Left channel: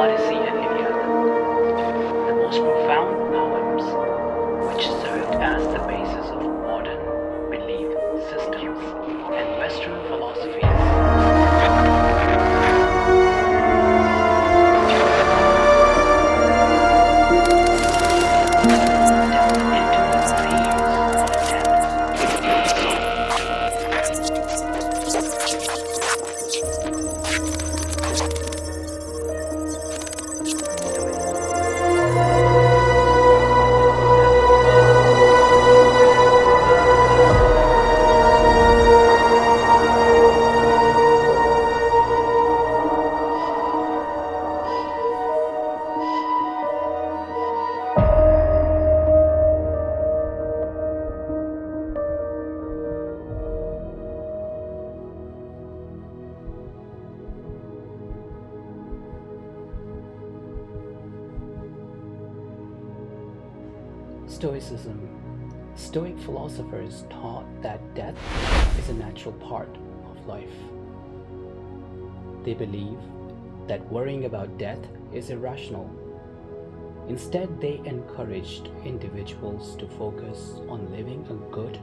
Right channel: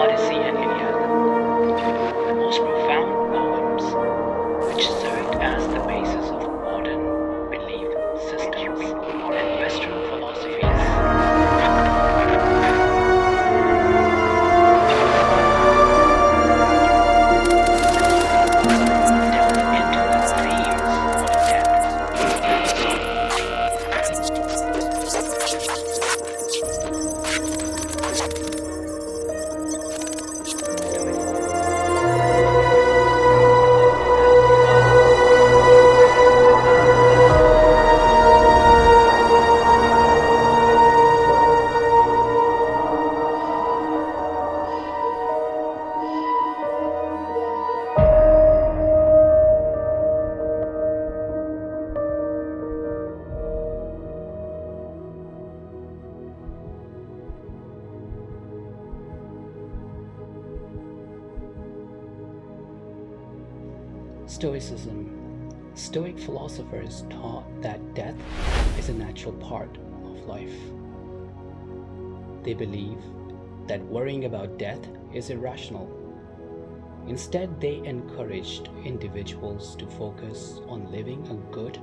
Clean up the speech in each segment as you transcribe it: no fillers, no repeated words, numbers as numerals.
Odyssey and Iliad, the most profound poems which served as the basis of modern belief systems and Western philosophies. Delve into the themes of death. Stoicism. Stoic philosophers taught that death is a natural part of life. They believe that worrying about death is irrational. Instead, they encouraged individuals to focus on living a good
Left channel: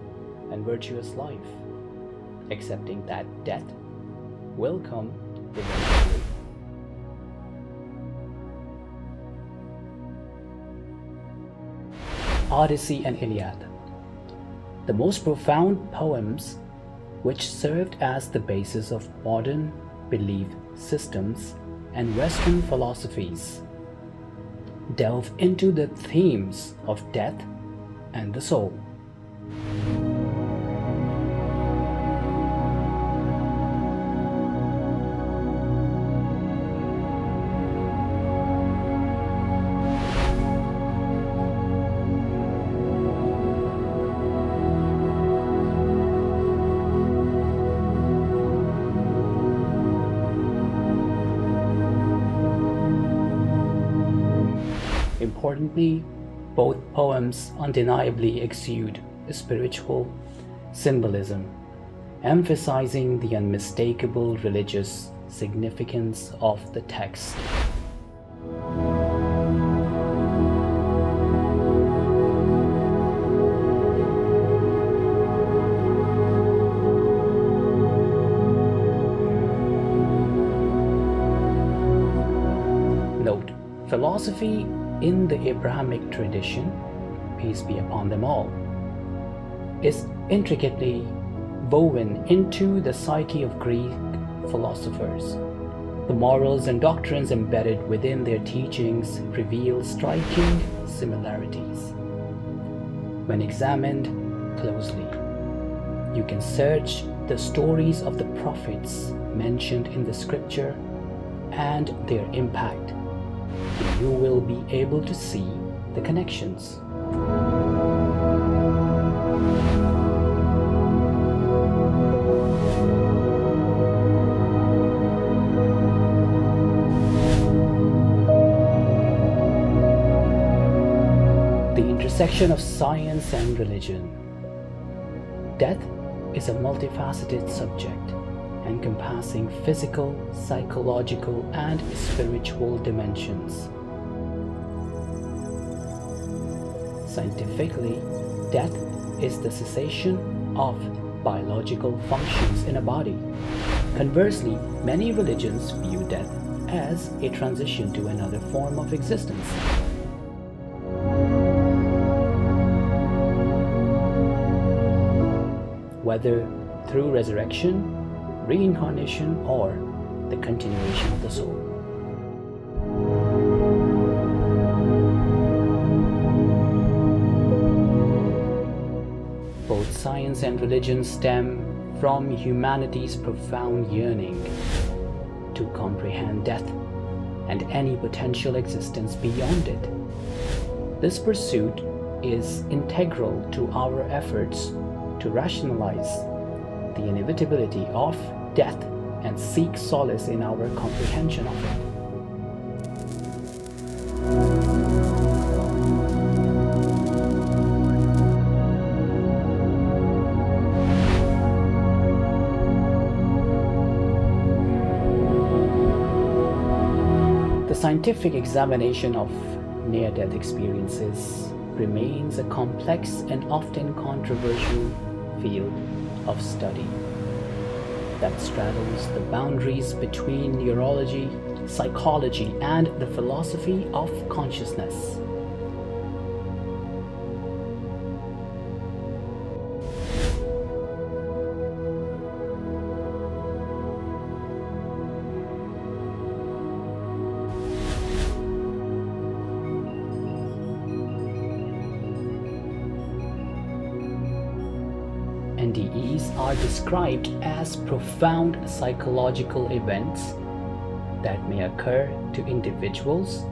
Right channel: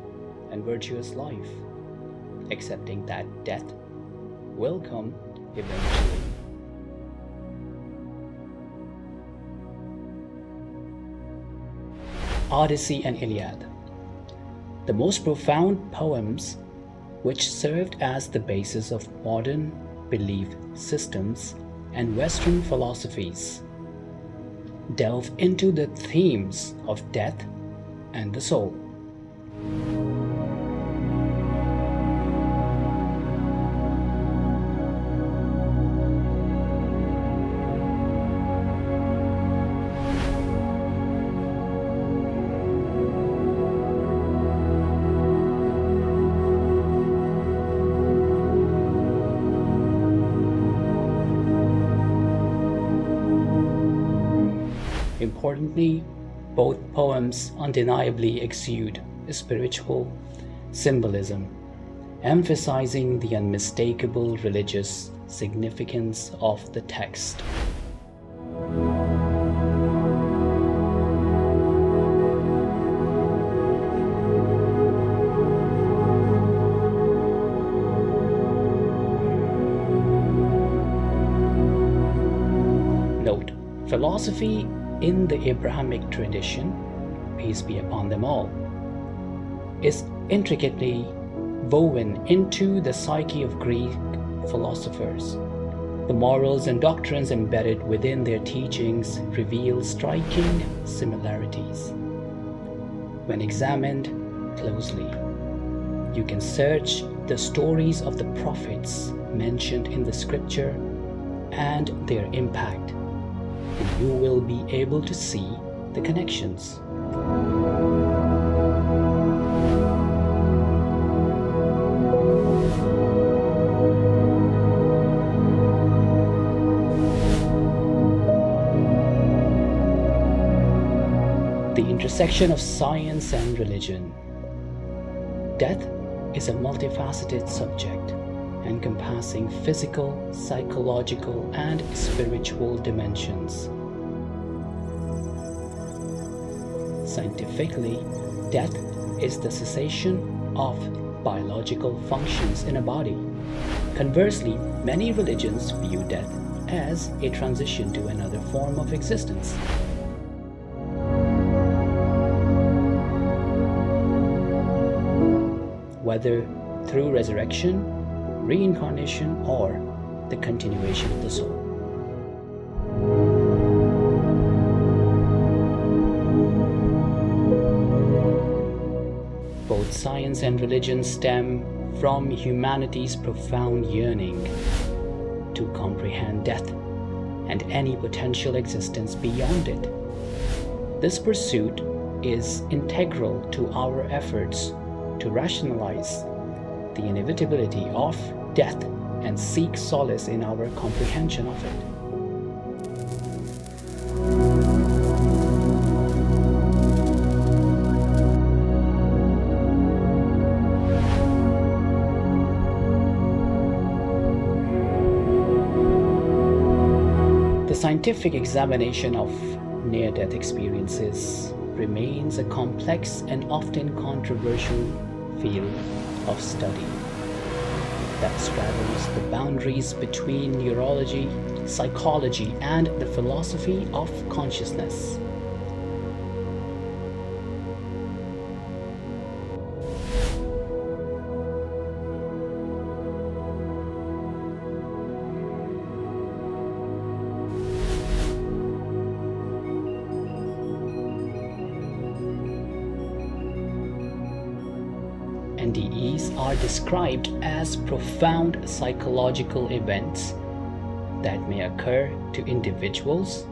and virtuous life, accepting that death will come eventually. Odyssey and Iliad, the most profound poems which served as the basis of modern belief systems and Western philosophies, delve into the themes of death and the soul. Importantly, both poems undeniably exude a spiritual symbolism, emphasizing the unmistakable religious significance of the text. Note: philosophy in the Abrahamic tradition, peace be upon them all, is intricately woven into the psyche of Greek philosophers. The morals and doctrines embedded within their teachings reveal striking similarities. When examined closely, you can search the stories of the prophets mentioned in the scripture and their impact, and you will be able to see the connections. The intersection of science and religion. Death is a multifaceted subject, encompassing physical, psychological, and spiritual dimensions. Scientifically, death is the cessation of biological functions in a body. Conversely, many religions view death as a transition to another form of existence. Whether through resurrection, reincarnation, or the continuation of the soul. Both science and religion stem from humanity's profound yearning to comprehend death and any potential existence beyond it. This pursuit is integral to our efforts to rationalize the inevitability of death and seek solace in our comprehension of it. The scientific examination of near-death experiences remains a complex and often controversial field of study that straddles the boundaries between neurology, psychology, and the philosophy of consciousness. NDEs are described as profound psychological events that may occur to individuals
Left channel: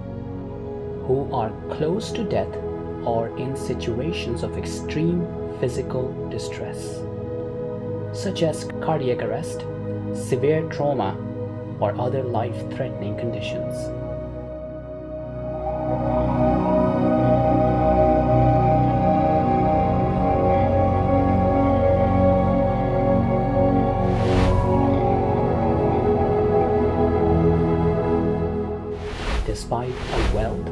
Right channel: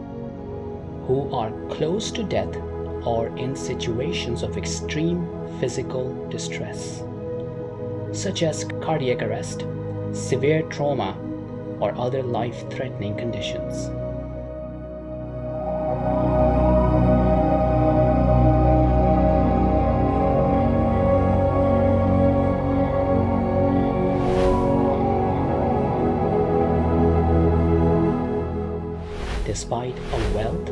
who are close to death or in situations of extreme physical distress, such as cardiac arrest, severe trauma, or other life-threatening conditions. Despite a wealth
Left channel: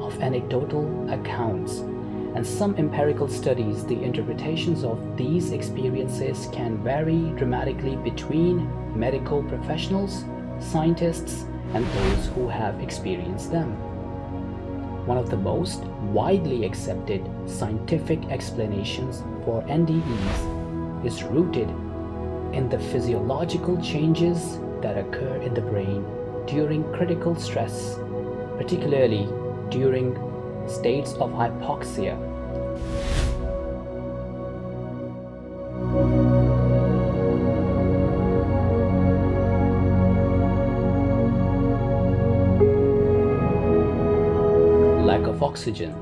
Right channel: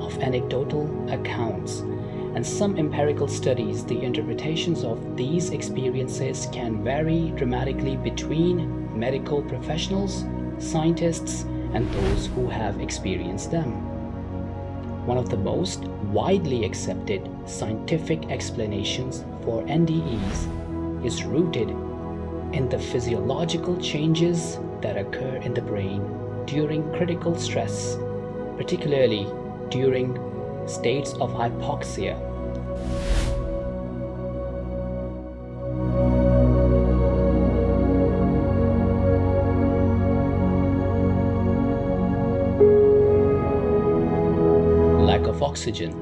of anecdotal accounts and some empirical studies, the interpretations of these experiences can vary dramatically between medical professionals, scientists, and those who have experienced them. One of the most widely accepted scientific explanations for NDEs is rooted in the physiological changes that occur in the brain during critical stress, particularly during states of hypoxia. Lack of oxygen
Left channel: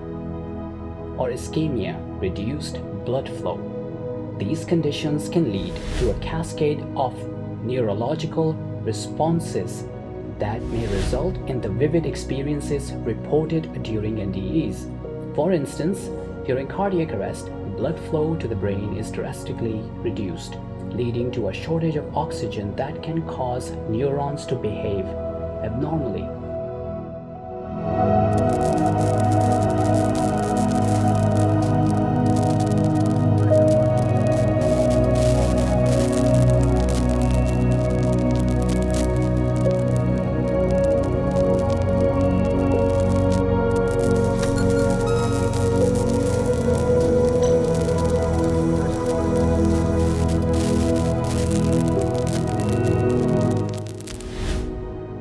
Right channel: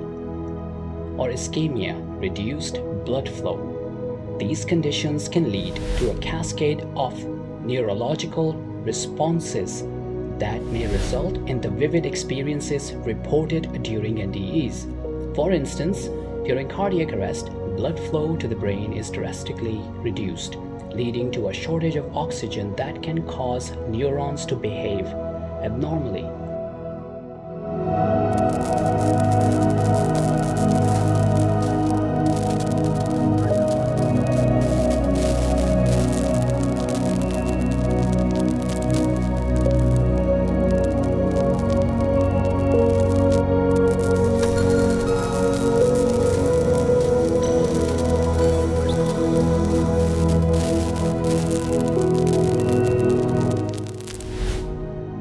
or ischemia, reduced blood flow. These conditions can lead to a cascade of neurological responses that may result in the vivid experiences reported during NDEs. For instance, during cardiac arrest, blood flow to the brain is drastically reduced, leading to a shortage of oxygen that can cause neurons to behave abnormally.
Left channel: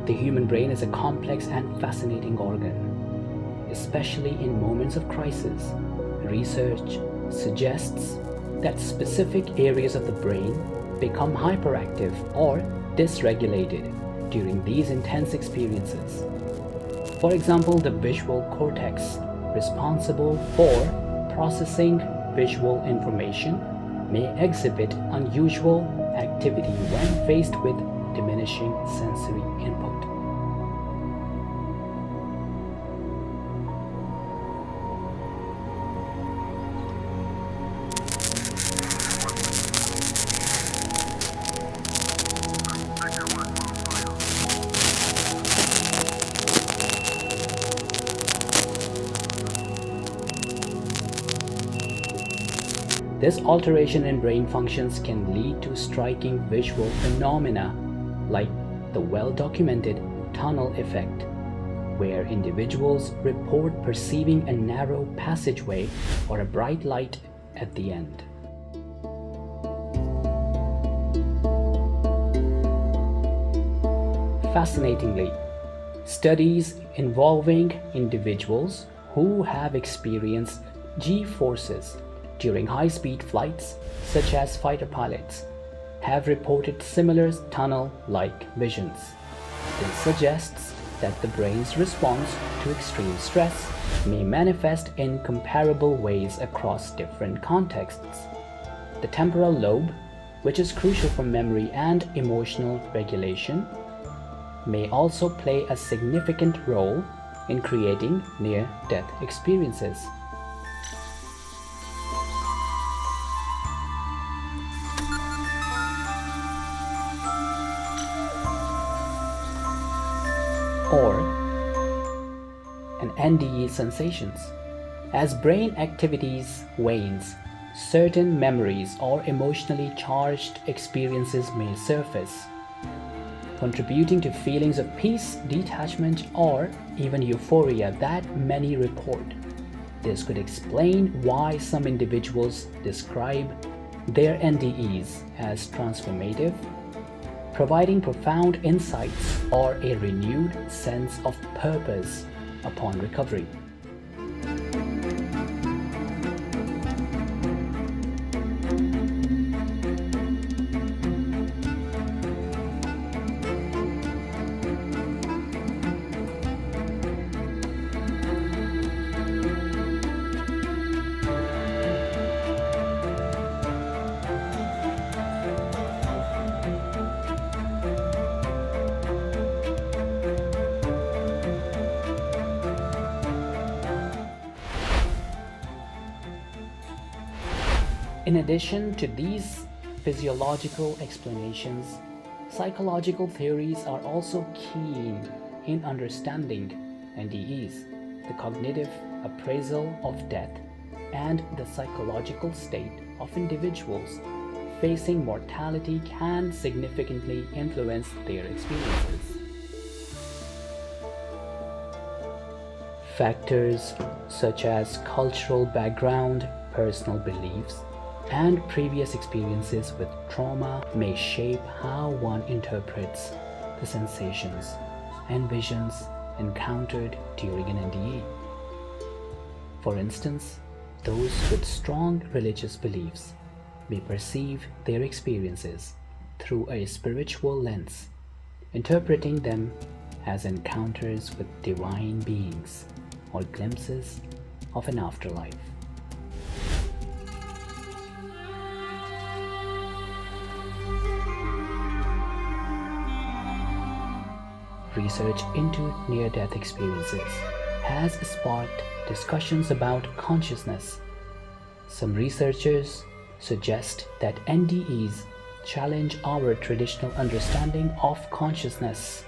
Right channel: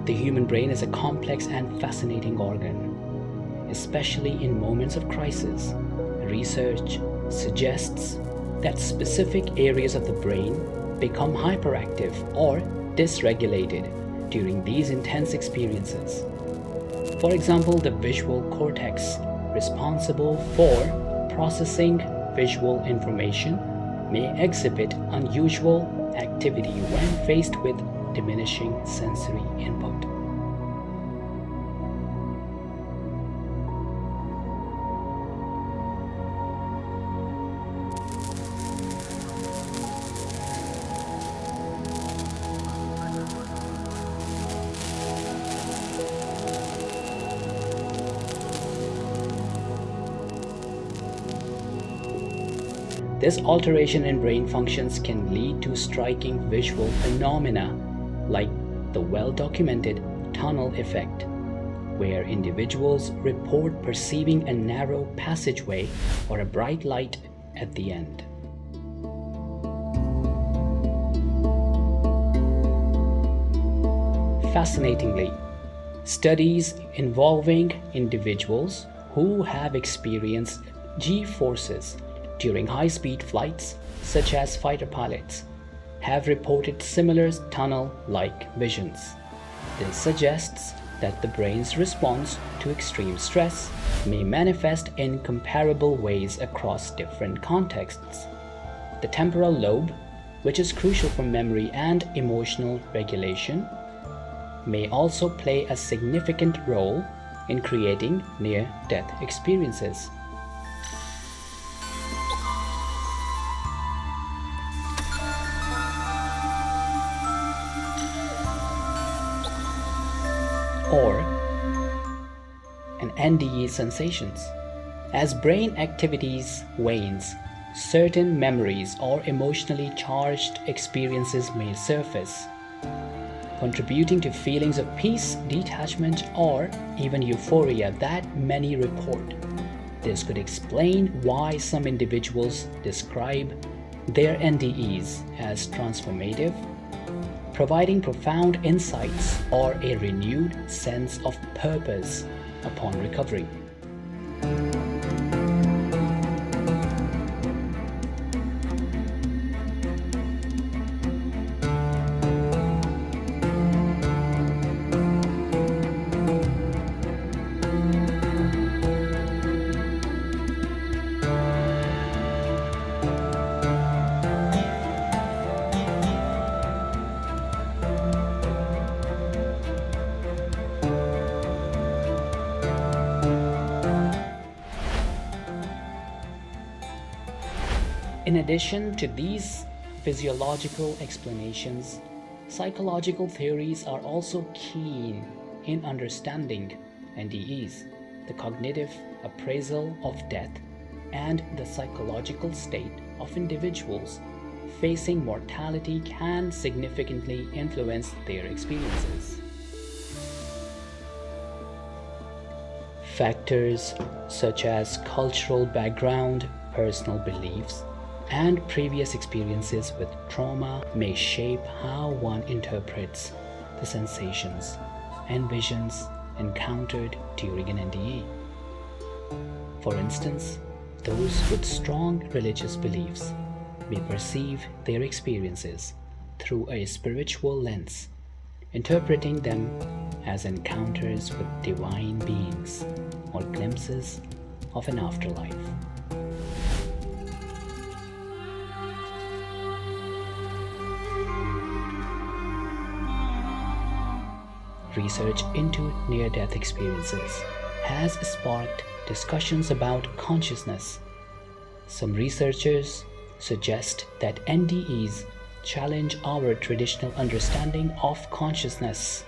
The human brain is a complex and fascinating organ, especially in moments of crisis. Research suggests that specific areas of the brain become hyperactive or dysregulated during these intense experiences. For example, the visual cortex, responsible for processing visual information, may exhibit unusual activity when faced with diminishing sensory input. This alteration in brain functions can lead to striking visual phenomena like the well-documented tunnel effect, where individuals report perceiving a narrow passageway or a bright light at the end. Fascinatingly, studies involving individuals who have experienced G-forces during high-speed flights, such as fighter pilots, have reported similar tunnel-like visions. This suggests that the brain's response to extreme stress may manifest in comparable ways across different contexts. The temporal lobe, which is crucial for memory and emotional regulation, may also play a significant role in creating near-death experiences. Or NDE sensations. As brain activities wanes, certain memories or emotionally charged experiences may surface, contributing to feelings of peace, detachment, or even euphoria that many report. This could explain why some individuals describe their NDEs as transformative, providing profound insights or a renewed sense of purpose upon recovery. In addition to these physiological explanations, psychological theories are also keen in understanding NDEs, the cognitive appraisal of death, and the psychological state of individuals facing mortality can significantly influence their experiences. Factors such as cultural background, personal beliefs, and previous experiences with trauma may shape how one interprets the sensations and visions encountered during an NDE. For instance, those with strong religious beliefs may perceive their experiences through a spiritual lens, interpreting them as encounters with divine beings or glimpses of an afterlife. Research into near-death experiences has sparked discussions about consciousness. Some researchers suggest that NDEs challenge our traditional understanding of consciousness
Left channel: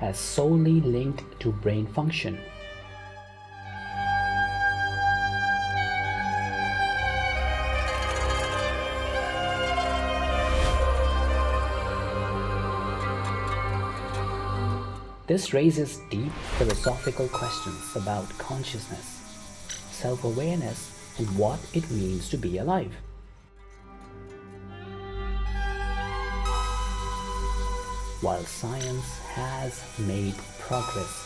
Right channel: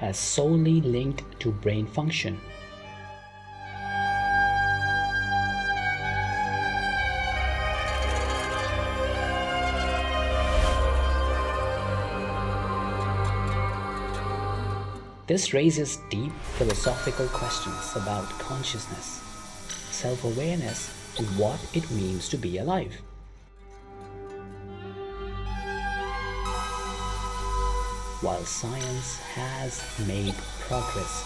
as solely linked to brain function. This raises deep philosophical questions about consciousness, self-awareness, and what it means to be alive. While science has made progress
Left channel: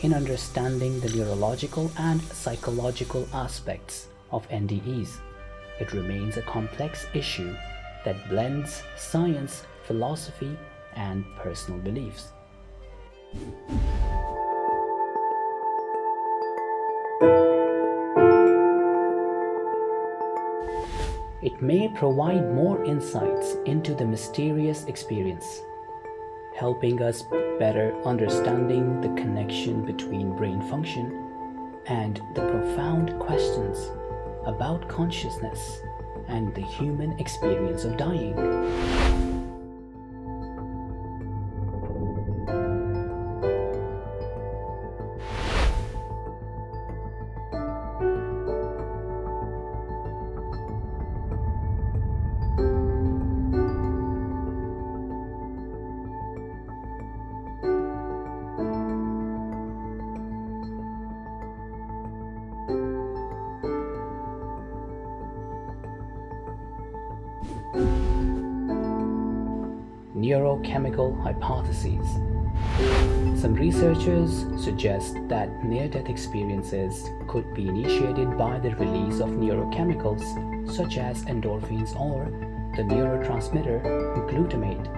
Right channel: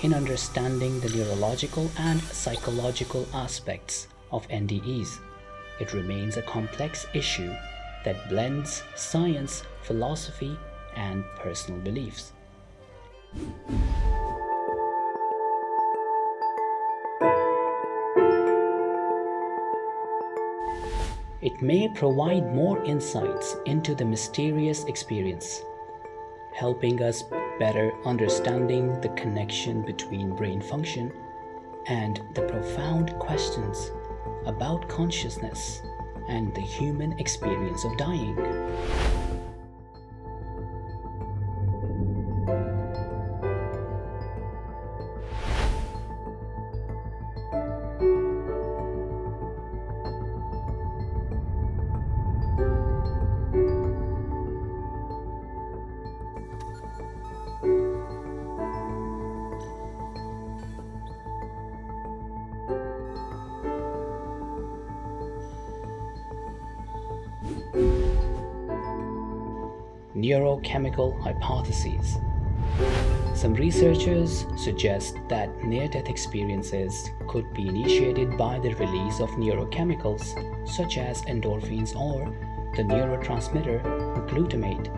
in understanding the neurological and psychological aspects of NDEs, it remains a complex issue that blends science, philosophy, and personal beliefs. It may provide more insights into the mysterious experience, helping us better understanding the connection between brain function and the profound questions about consciousness and the human experience of dying. Neurochemical hypotheses. Some researchers suggest that near-death experiences could be initiated by the release of neurochemicals such as endorphins or the neurotransmitter glutamate.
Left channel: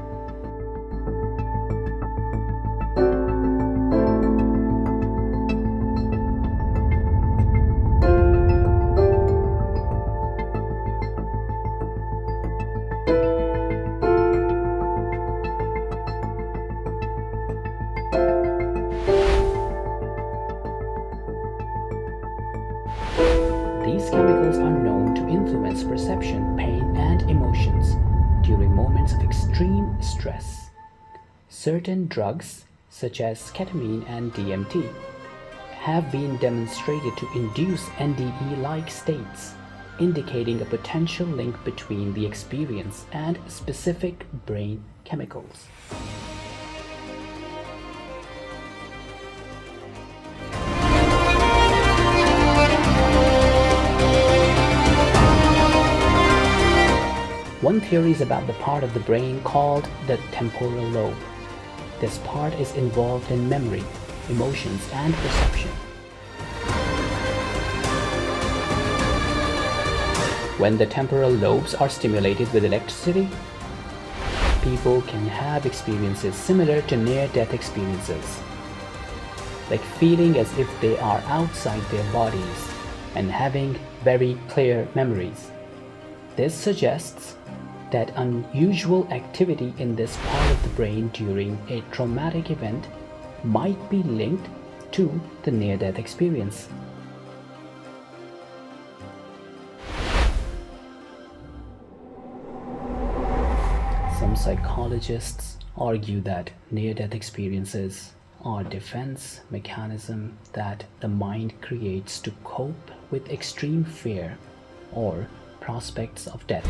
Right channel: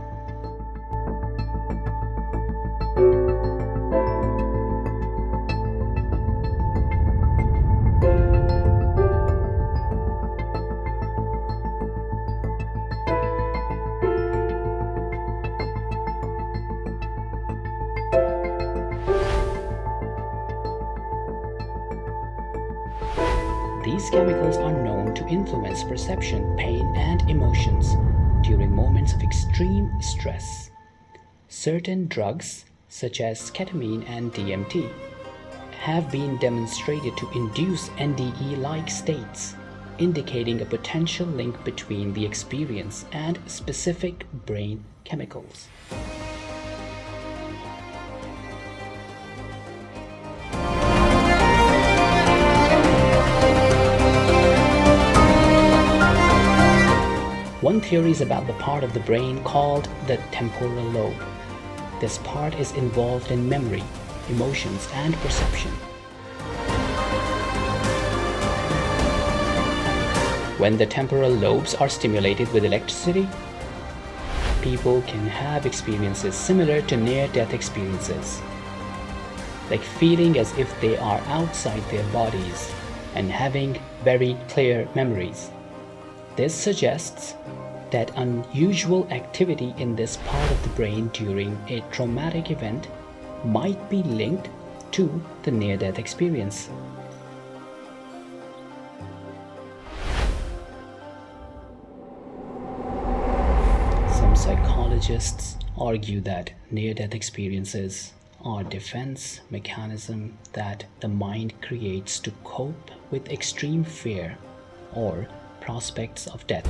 These chemicals are known to influence perception, pain, and emotions during moments of extreme stress. Certain drugs, such as ketamine and DMT, have been demonstrated to induce NDE-like states, indicating a potential link between the experience and specific brain chemicals. One theory is about the part of the brain called the temporal lobe. This part is involved in memory, emotions, and perception. When the temporal lobes are stimulated with electricity, people can have experiences similar to near-death experiences, like feeling as if they are outside their bodies and having very clear memories. This suggests that unusual activity in this part of the brain during a traumatic event might be linked to the near-death experience. Some psychologists argue that near-death experiences are defense mechanism that the mind creates to cope with extreme fear or prospects of death.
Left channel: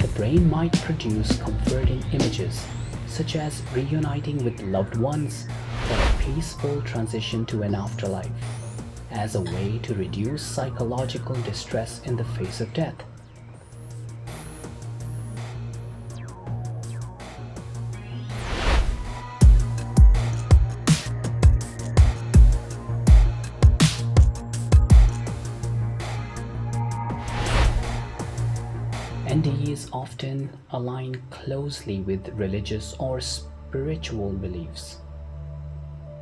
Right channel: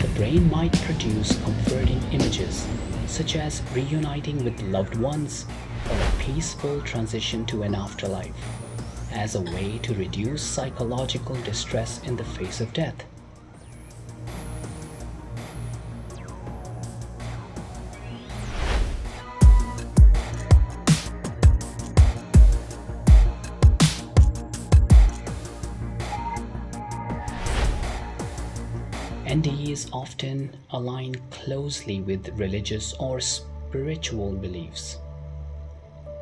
The brain might produce comforting images, such as reuniting with loved ones or a peaceful transition to an afterlife, as a way to reduce psychological distress in the face of death. NDEs often align closely with religious or spiritual beliefs,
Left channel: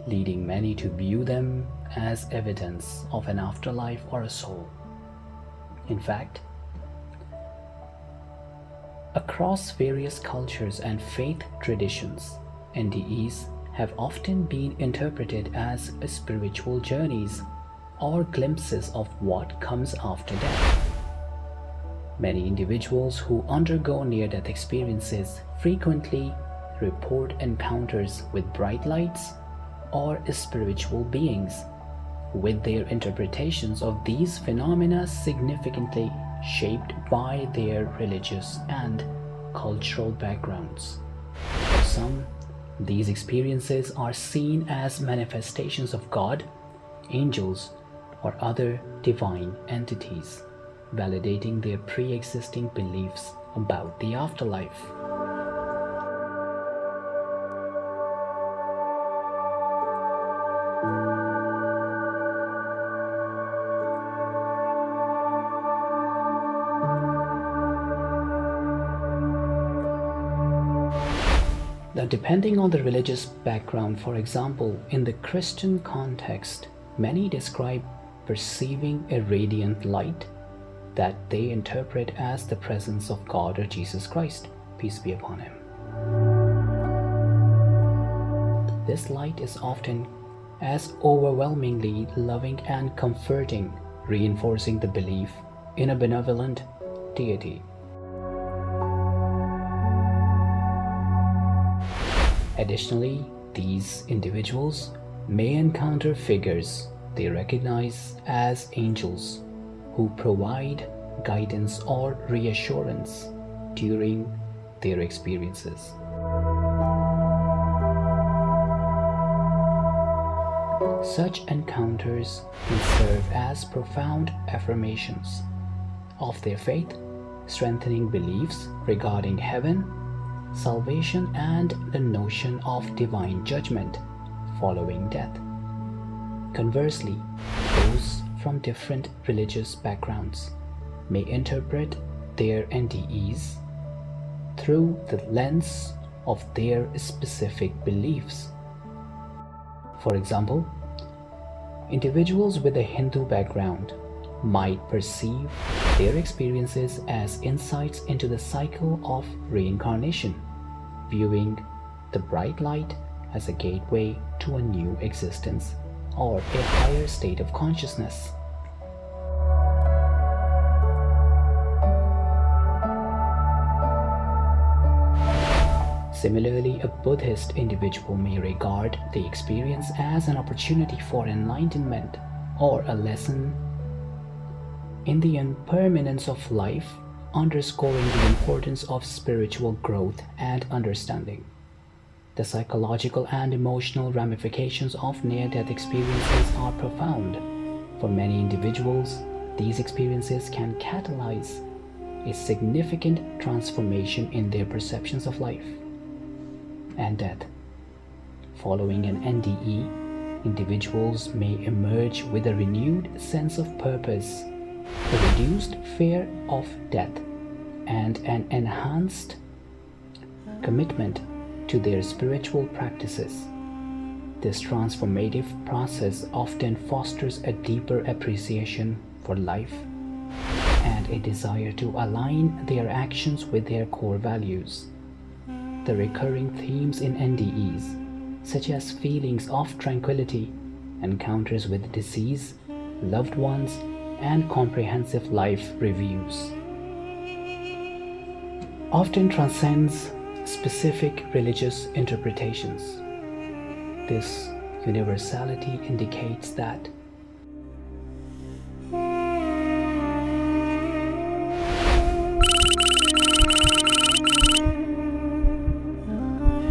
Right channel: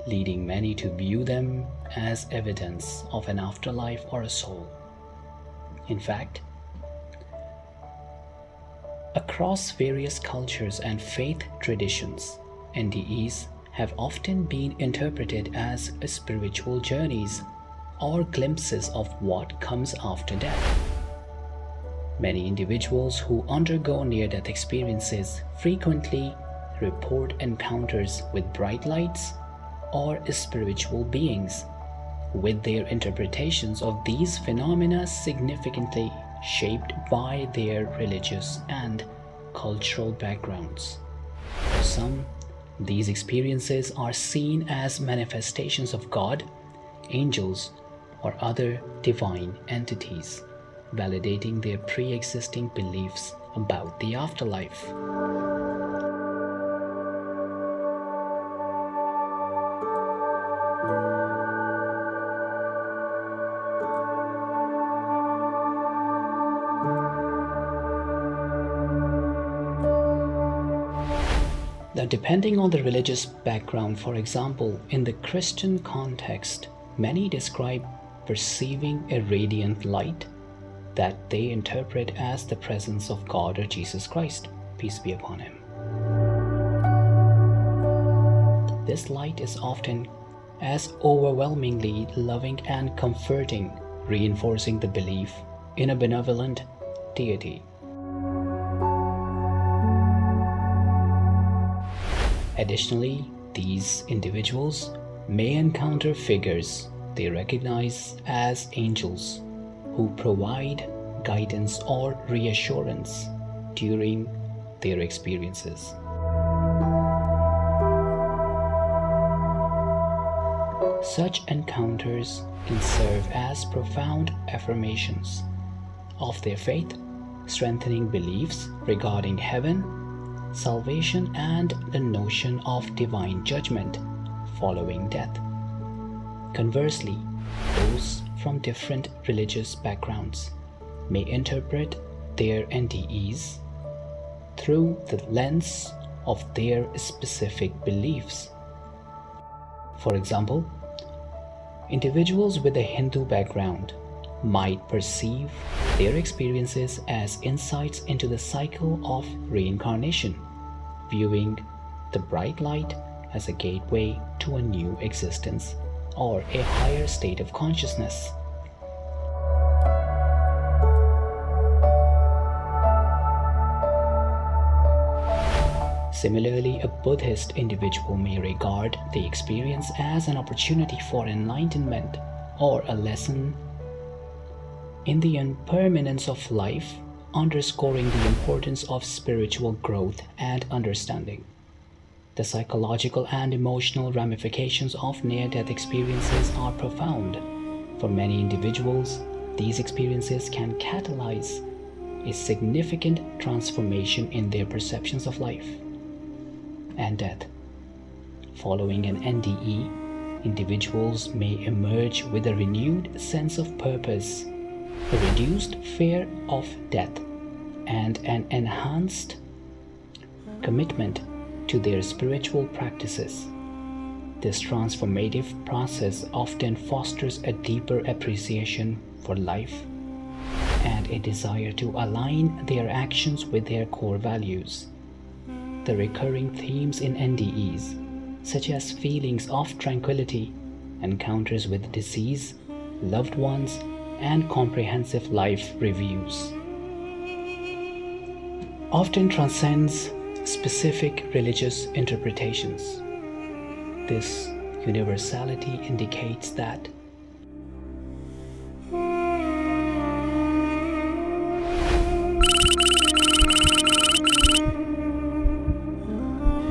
leading many to view them as evidence of an afterlife or a soul. In fact, across various cultures and faith traditions, NDEs have often been interpreted as spiritual journeys or glimpses of what comes after death. Many individuals who undergo near-death experiences frequently report encounters with bright lights or spiritual beings, with their interpretations of these phenomena significantly shaped by their religious and cultural backgrounds. For some, these experiences are seen as manifestations of God, angels, or other divine entities, validating their pre-existing beliefs about the afterlife. Now, depending on the religious background, for example, in the Christian context, many describe perceiving a radiant light that they interpret as the presence of God or Jesus Christ, peace be upon him. This light is often as overwhelmingly loving and comforting, reinforcing the belief in a benevolent deity. Additionally, these individuals may encounter figures they recognize as angels who provide guidance or reassurance during their experiences. Such encounters can serve as profound affirmations of their faith, strengthening beliefs regarding heaven, salvation, and the notion of divine judgment following death. Conversely, those from different religious backgrounds may interpret their NDEs through the lens of their specific beliefs. For example, individuals with a Hindu background might perceive their experiences as insights into the cycle of reincarnation, viewing the bright light as a gateway to a new existence or a higher state of consciousness. Similarly, a Buddhist individual may regard the experience as an opportunity for enlightenment or a lesson in the impermanence of life, underscoring the importance of spiritual growth and understanding. The psychological and emotional ramifications of near-death experiences are profound. For many individuals, these experiences can catalyze a significant transformation in their perceptions of life and death. Following an NDE, individuals may emerge with a renewed sense of purpose, a reduced fear of death, and an enhanced commitment to their spiritual practices. This transformative process often fosters a deeper appreciation for life and a desire to align their actions with their core values. The recurring themes in NDEs, such as feelings of tranquility, encounters with disease, loved ones, and comprehensive life reviews, often transcends specific religious interpretations. This universality indicates that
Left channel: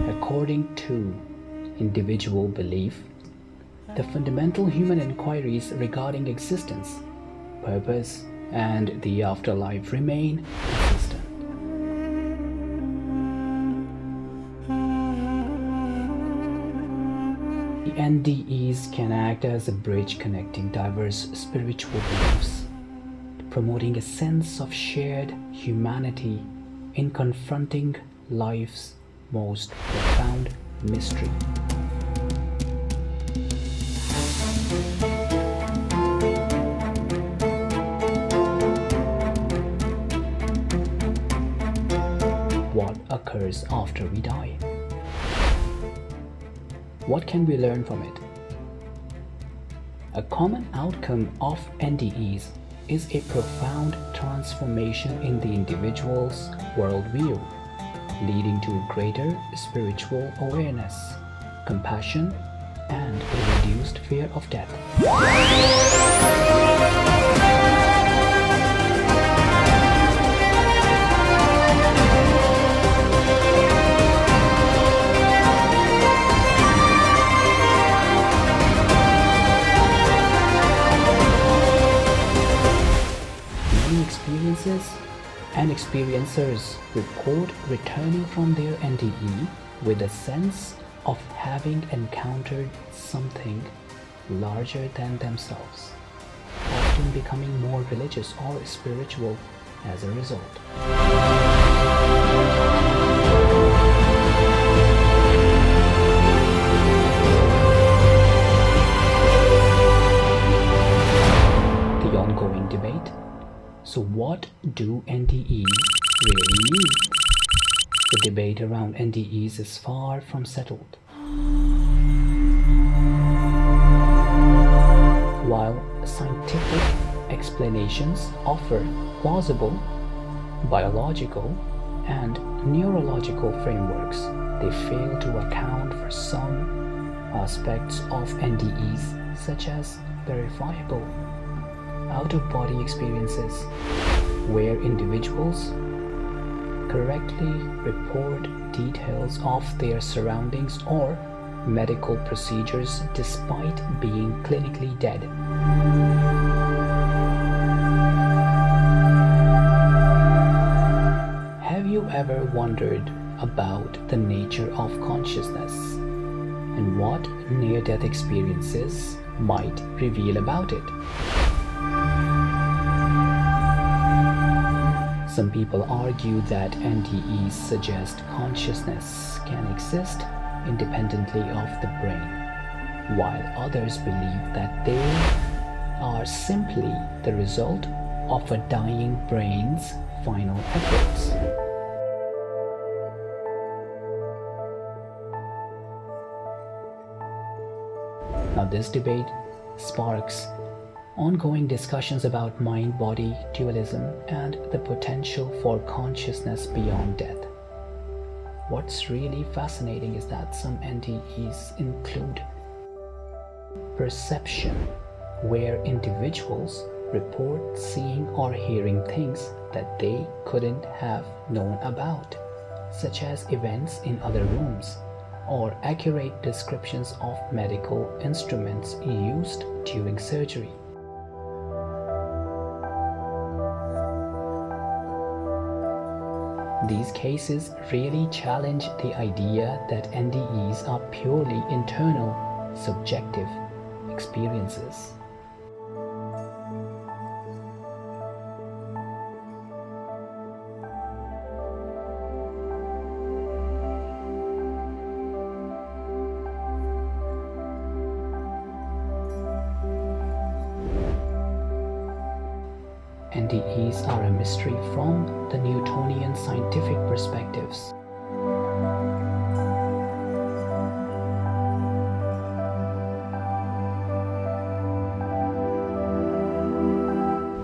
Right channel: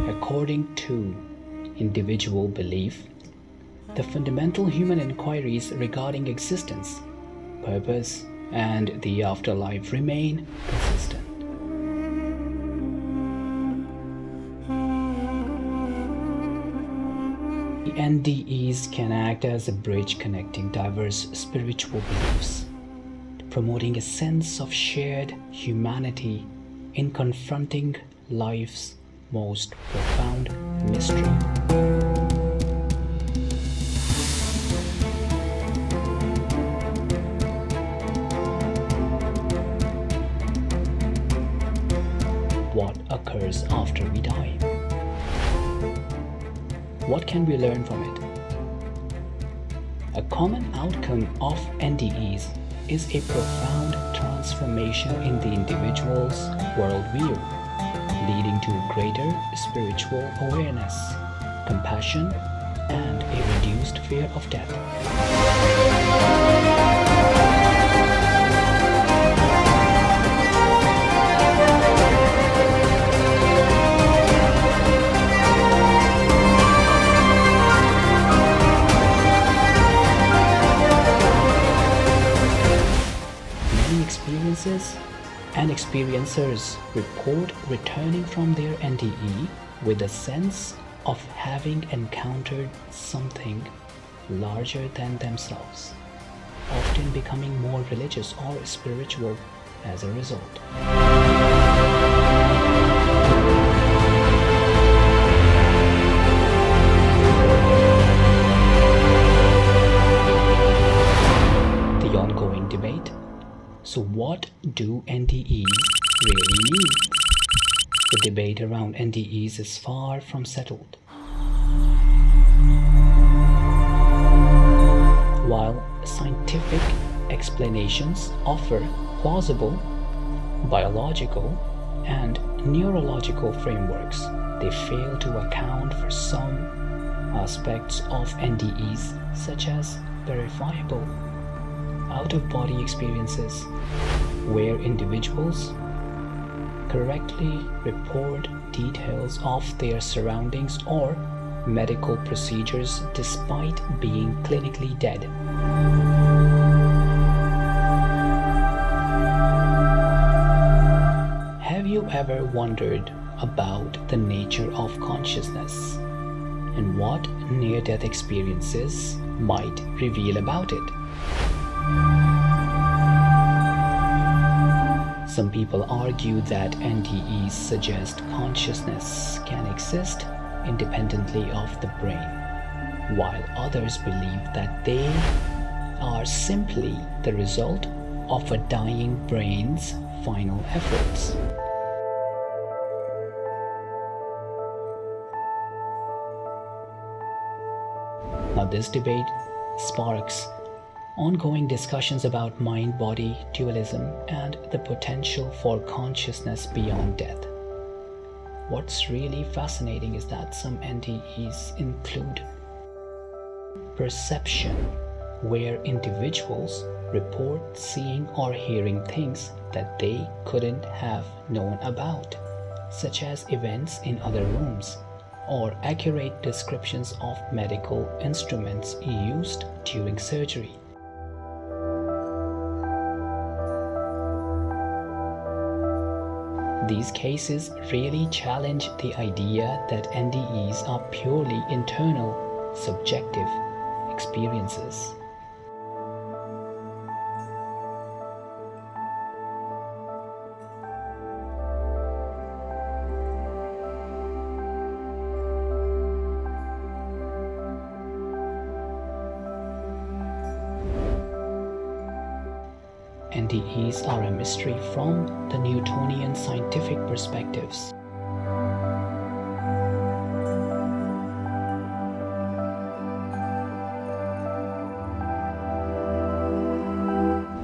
according to individual belief, the fundamental human inquiries regarding existence, purpose, and the afterlife remain consistent. The NDEs can act as a bridge connecting diverse spiritual beliefs, promoting a sense of shared humanity in confronting life's most profound mystery. What occurs after we die? What can we learn from it? A common outcome of NDEs is a profound transformation in the individual's worldview, leading to greater spiritual awareness, compassion, and a reduced fear of death. Many experiences and experiencers report returning from their NDE with a sense of having encountered something larger than themselves, often becoming more religious or spiritual as a result. The ongoing debate. So what do NDEs really mean? The debate around NDEs is far from settled. While scientific explanations offer plausible biological and neurological frameworks, they fail to account for some aspects of NDEs, such as verifiable out-of-body experiences, where individuals correctly report details of their surroundings or medical procedures despite being clinically dead. Have you ever wondered about the nature of consciousness and what near-death experiences might reveal about it? Some people argue that NDEs suggest consciousness can exist independently of the brain, while others believe that they are simply the result of a dying brain's final efforts. Now, this debate sparks ongoing discussions about mind-body dualism and the potential for consciousness beyond death. What's really fascinating is that some NDEs include perception, where individuals report seeing or hearing things that they couldn't have known about, such as events in other rooms, or accurate descriptions of medical instruments used during surgery. These cases really challenge the idea that NDEs are purely internal, subjective experiences. NDEs are a mystery from the Newtonian scientific perspectives.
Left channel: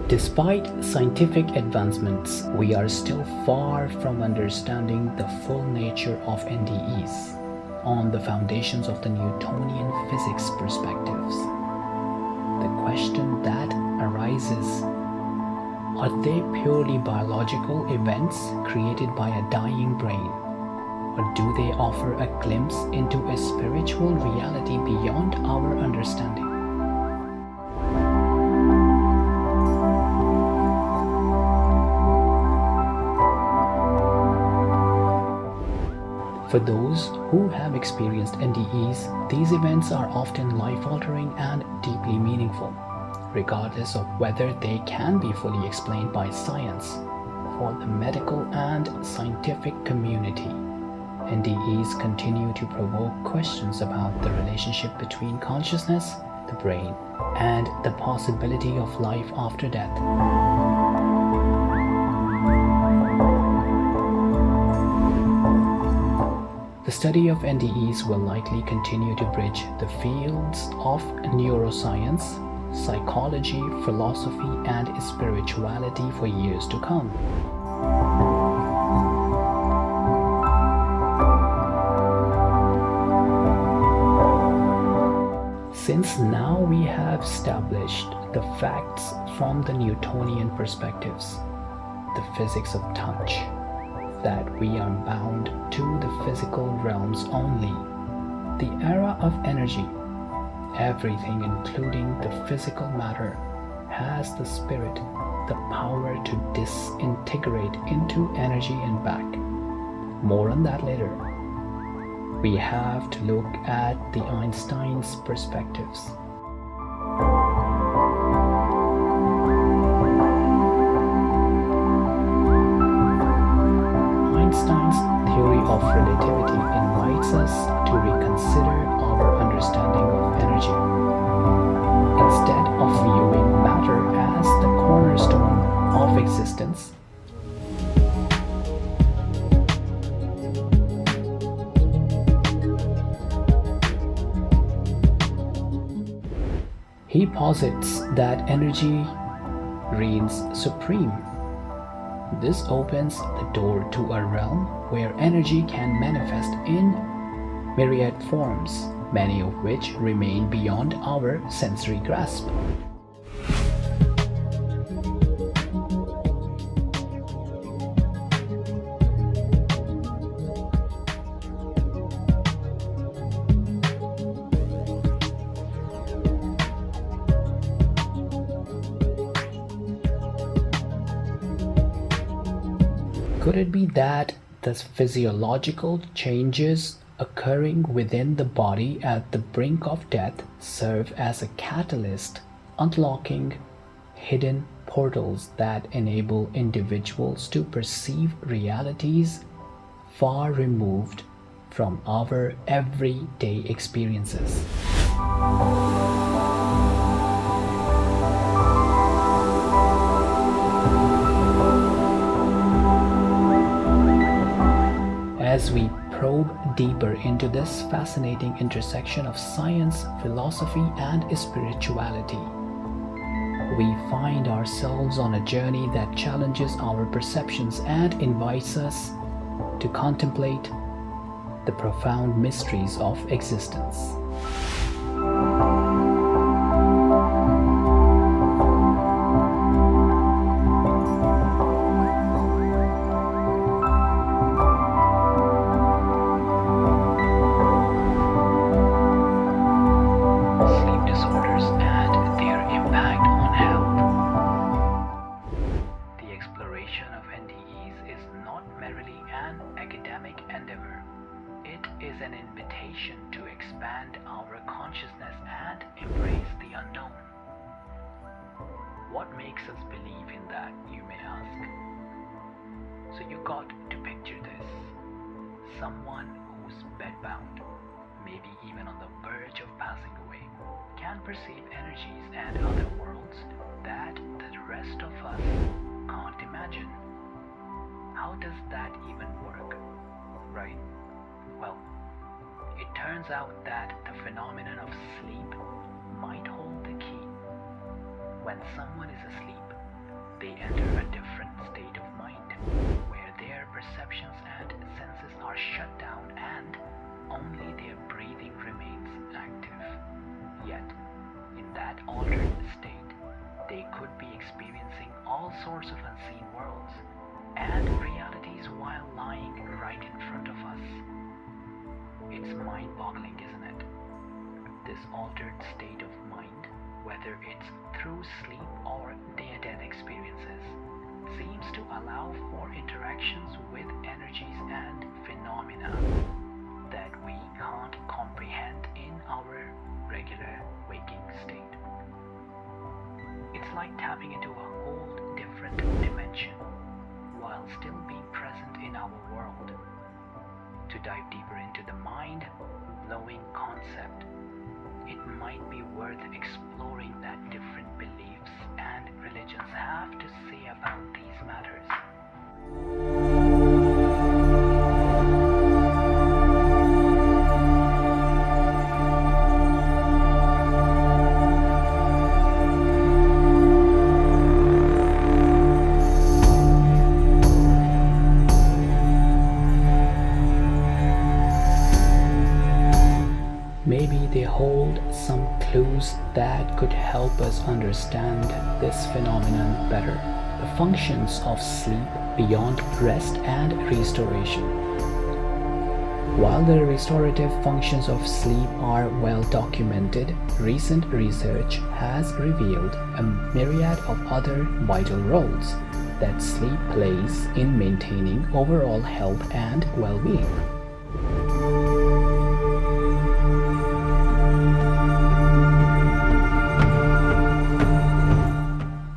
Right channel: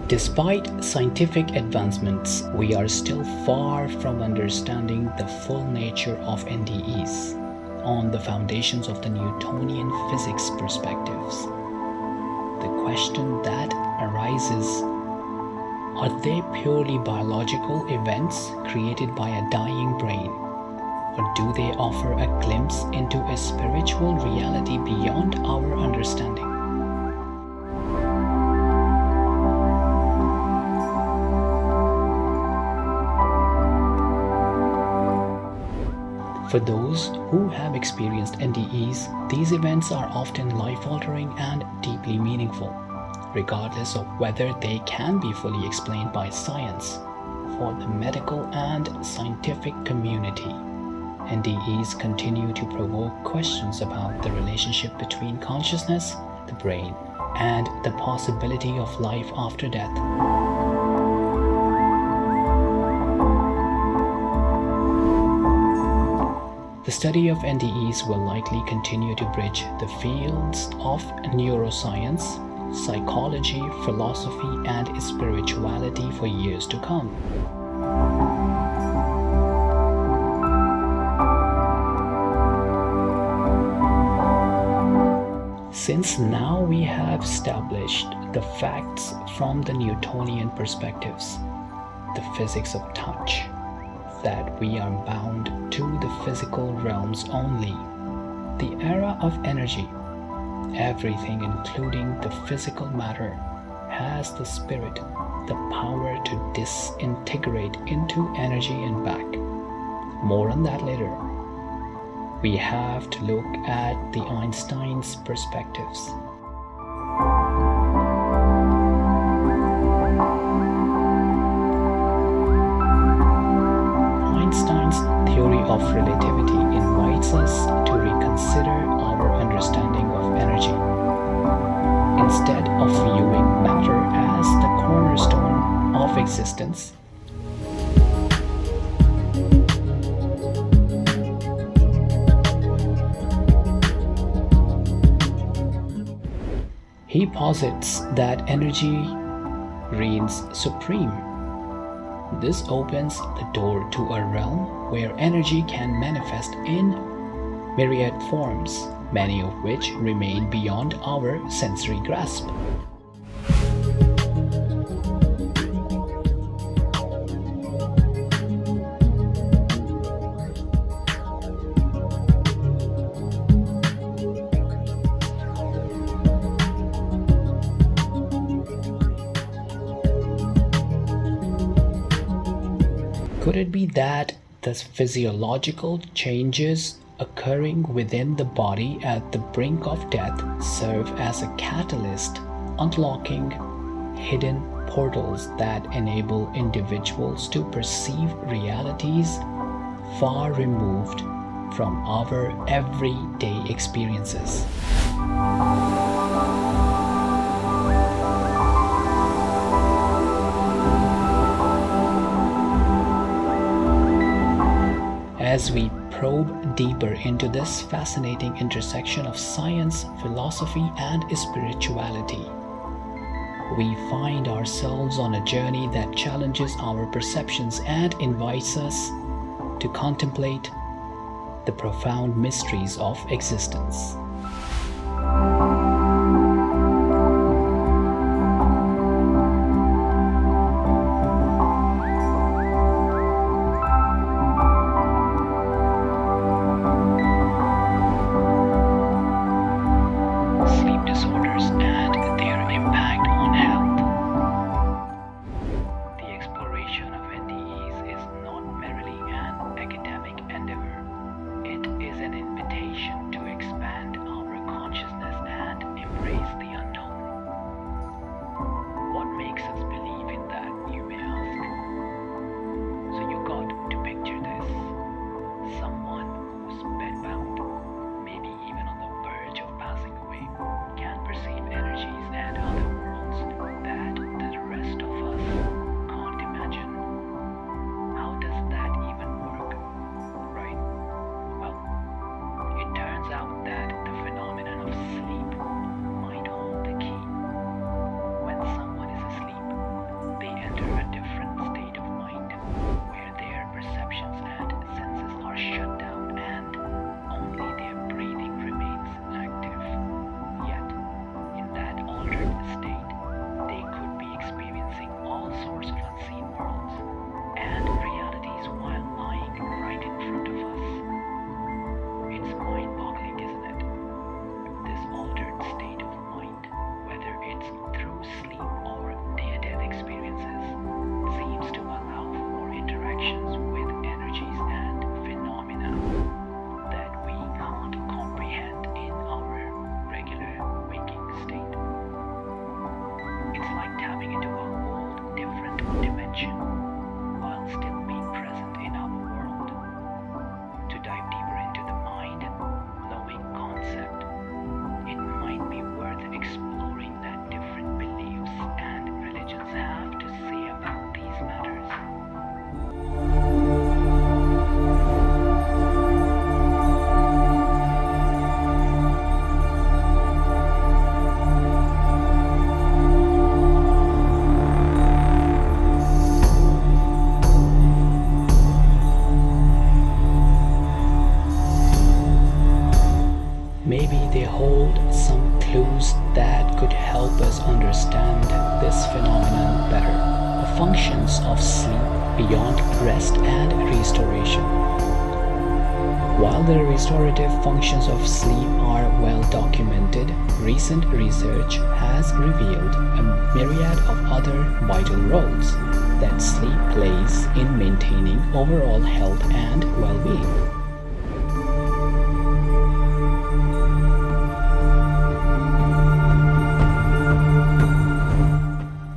Despite scientific advancements, we are still far from understanding the full nature of NDEs on the foundations of the Newtonian physics perspectives. The question that arises: are they purely biological events created by a dying brain, or do they offer a glimpse into a spiritual reality beyond our understanding? For those who have experienced NDEs, these events are often life-altering and deeply meaningful, regardless of whether they can be fully explained by science. For the medical and scientific community, NDEs continue to provoke questions about the relationship between consciousness, the brain, and the possibility of life after death. The study of NDEs will likely continue to bridge the fields of neuroscience, psychology, philosophy, and spirituality for years to come. Since now we have established the facts from the Newtonian perspectives, the physics of touch, that we are bound to the physical realms only, the era of energy, everything including the physical matter has the spirit, the power to disintegrate into energy and back. More on that later. We have to look at the Einstein's perspectives. Einstein's theory of relativity invites us to reconsider our understanding of energy. Instead of viewing matter as the cornerstone of existence, he posits that energy reigns supreme. This opens the door to a realm where energy can manifest in myriad forms, many of which remain beyond our sensory grasp. Could it be that the physiological changes occurring within the body at the brink of death serve as a catalyst, unlocking hidden portals that enable individuals to perceive realities far removed from our everyday experiences. As we probe deeper into this fascinating intersection of science, philosophy, and spirituality, we find ourselves on a journey that challenges our perceptions and invites us to contemplate the profound mysteries of existence. Sleep disorders and their impact on health. The exploration of NDEs is not merely an academic endeavor. It is an invitation to expand our consciousness and embrace the unknown. What makes us believe in that, you may ask? So you got to picture this. Someone who's bedbound, maybe even on the verge of passing away, can perceive energies and other worlds that the rest of us can't imagine. How does that even work? Right? Well, it turns out that the phenomenon of sleep might hold the key. When someone is asleep, they enter a different state of mind where their perceptions and senses are shut down and only their breathing remains active. Yet, in that altered state, they could be experiencing all sorts of unseen worlds and realities while lying right in front of us. It's mind-boggling, isn't it? This altered state of mind, whether it's through sleep or near-death experiences, seems to allow for interactions with energies and phenomena that we can't comprehend in our regular waking state. It's like tapping into a whole different dimension while still being present in our world. To dive deeper into the mind-blowing concept, it might be worth exploring that different beliefs and religions have to say about these matters. Maybe they hold some clues that could help us understand this phenomenon better. The functions of sleep beyond rest and restoration. While the restorative functions of sleep are well documented, recent research has revealed a myriad of other vital roles that sleep plays in maintaining overall health and well-being.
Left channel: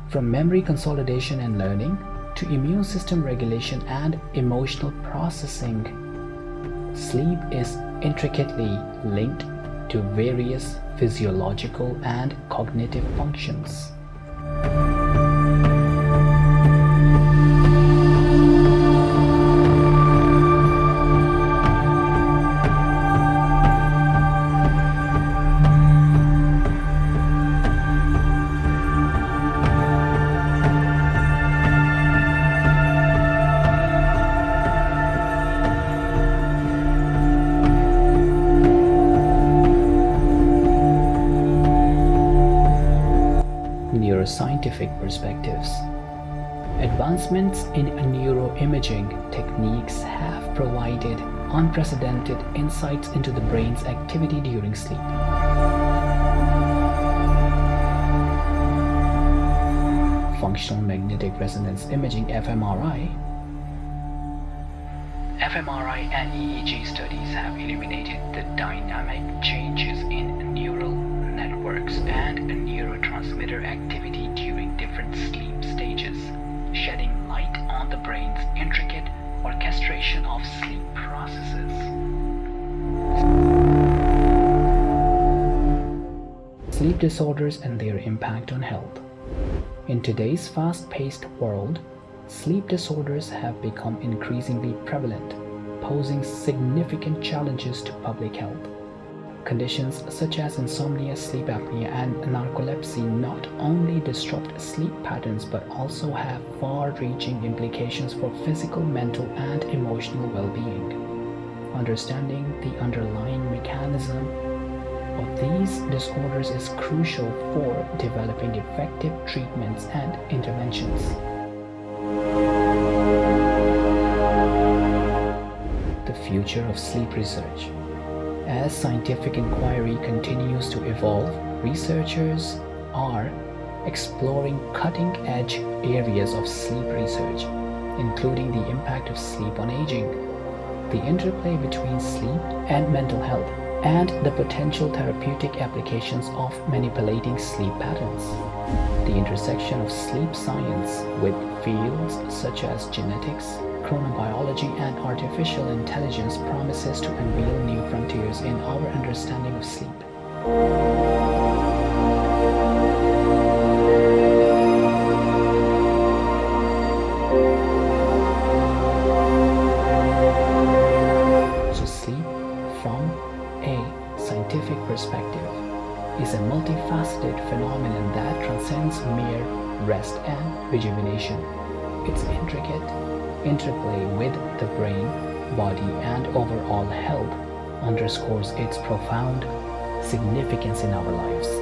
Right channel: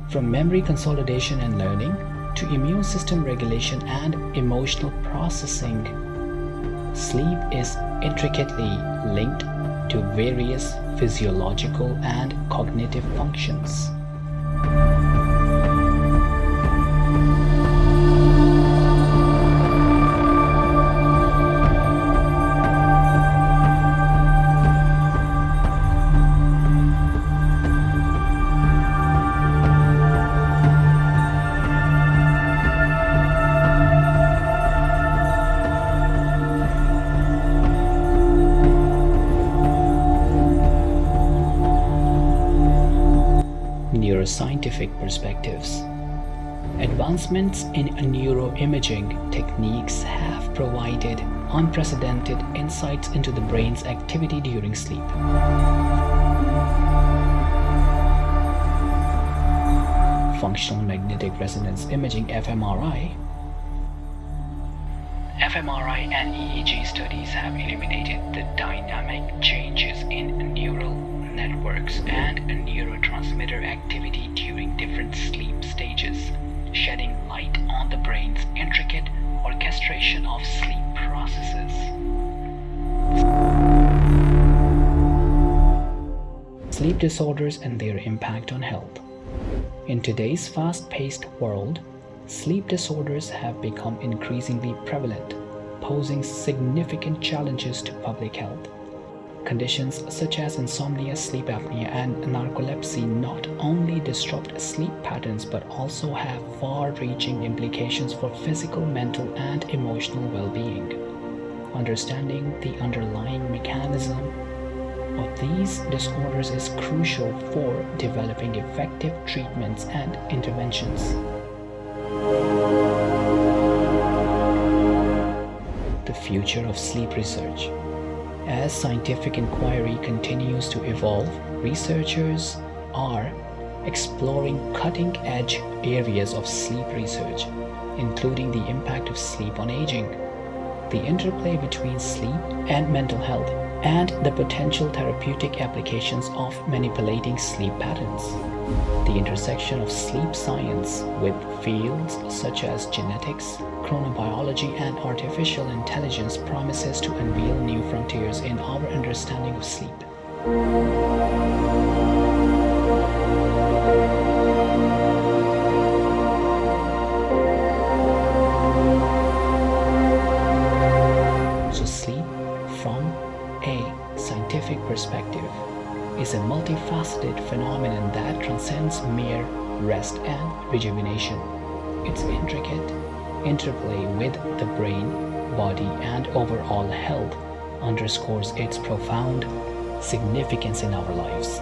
From memory consolidation and learning to immune system regulation and emotional processing, sleep is intricately linked to various physiological and cognitive functions. Neuroscientific perspectives. Advancements in neuroimaging techniques have provided unprecedented insights into the brain's activity during sleep. Functional magnetic resonance imaging (fMRI) and EEG studies have illuminated the dynamic changes in neural networks networks and neurotransmitter activity during different sleep stages, shedding light on the brain's intricate orchestration of sleep processes. Sleep disorders and their impact on health. In today's fast-paced world, sleep disorders have become increasingly prevalent, posing significant challenges to public health. Conditions such as insomnia, sleep apnea, and narcolepsy not only disrupt sleep patterns but also have far-reaching implications for physical, mental, and emotional well-being. Understanding the underlying mechanism of these disorders is crucial for developing effective treatments and interventions. The future of sleep research. As scientific inquiry continues to evolve, researchers are exploring cutting-edge areas of sleep research, including the impact of sleep on aging, the interplay between sleep and mental health, and the potential therapeutic applications of manipulating sleep patterns. The intersection of sleep science with fields such as genetics, chronobiology, and artificial intelligence promises to unveil new frontiers in our understanding of sleep. So sleep, from a scientific perspective, is a multifaceted phenomenon that transcends mere rest and rejuvenation. Its intricate interplay with the brain, body, and overall health underscores its profound significance in our lives.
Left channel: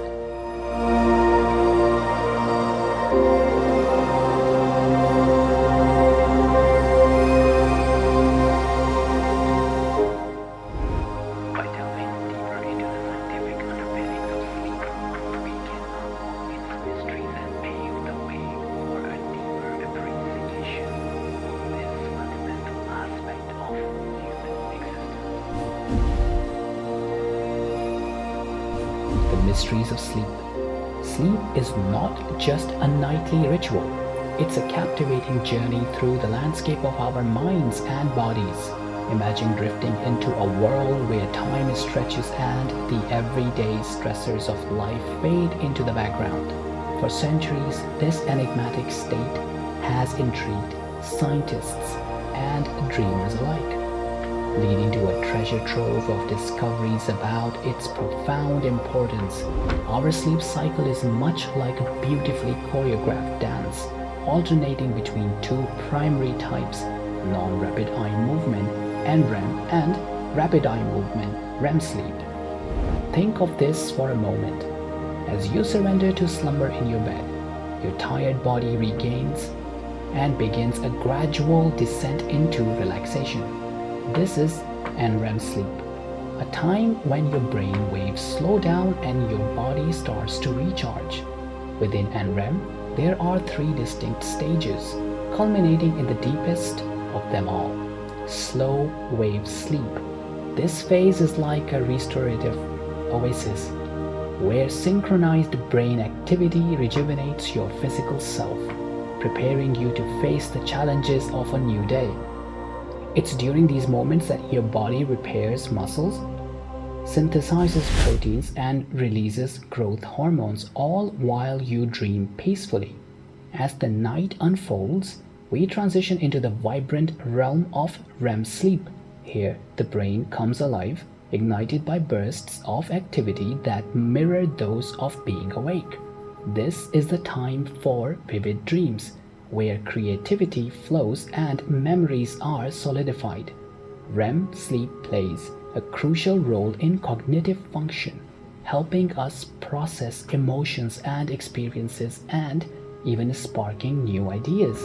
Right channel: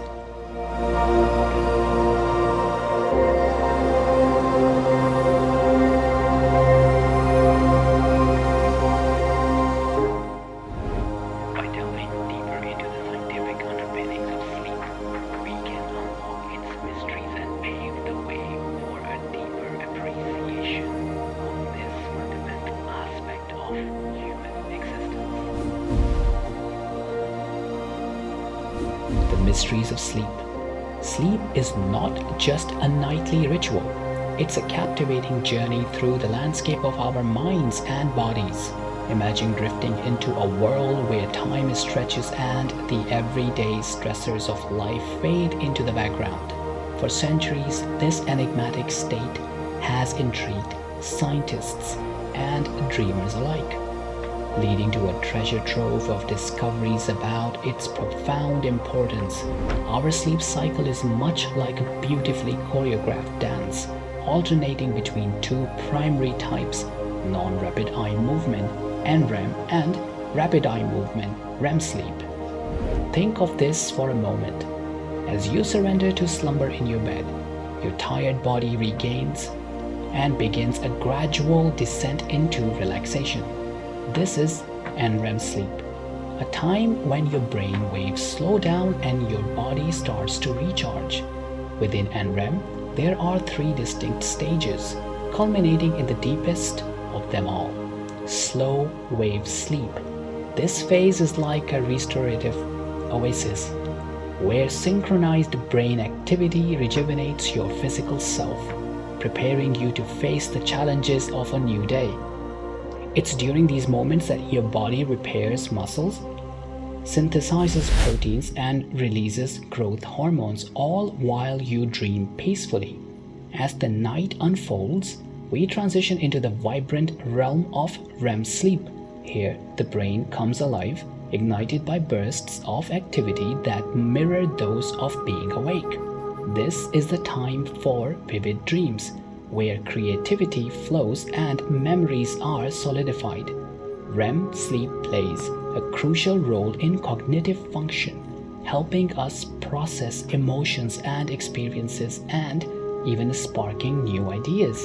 By delving deeper into the scientific underpinnings of sleep, we can unlock its mysteries and pave the way for a deeper appreciation of this fundamental aspect of human existence. The mysteries of sleep. Sleep is not just a nightly ritual. It's a captivating journey through the landscape of our minds and bodies. Imagine drifting into a world where time stretches and the everyday stressors of life fade into the background. For centuries, this enigmatic state has intrigued scientists and dreamers alike, leading to a treasure trove of discoveries about its profound importance. Our sleep cycle is much like a beautifully choreographed dance, alternating between two primary types, non-rapid eye movement NREM and rapid eye movement REM sleep. Think of this for a moment. As you surrender to slumber in your bed, your tired body regains and begins a gradual descent into relaxation. This is NREM sleep, a time when your brain waves slow down and your body starts to recharge. Within NREM, there are three distinct stages, culminating in the deepest of them all: slow wave sleep. This phase is like a restorative oasis, where synchronized brain activity rejuvenates your physical self, preparing you to face the challenges of a new day. It's during these moments that your body repairs muscles, synthesizes proteins, and releases growth hormones, all while you dream peacefully. As the night unfolds, we transition into the vibrant realm of REM sleep. Here, the brain comes alive, ignited by bursts of activity that mirror those of being awake. This is the time for vivid dreams, where creativity flows and memories are solidified. REM sleep plays a crucial role in cognitive function, helping us process emotions and experiences and even sparking new ideas.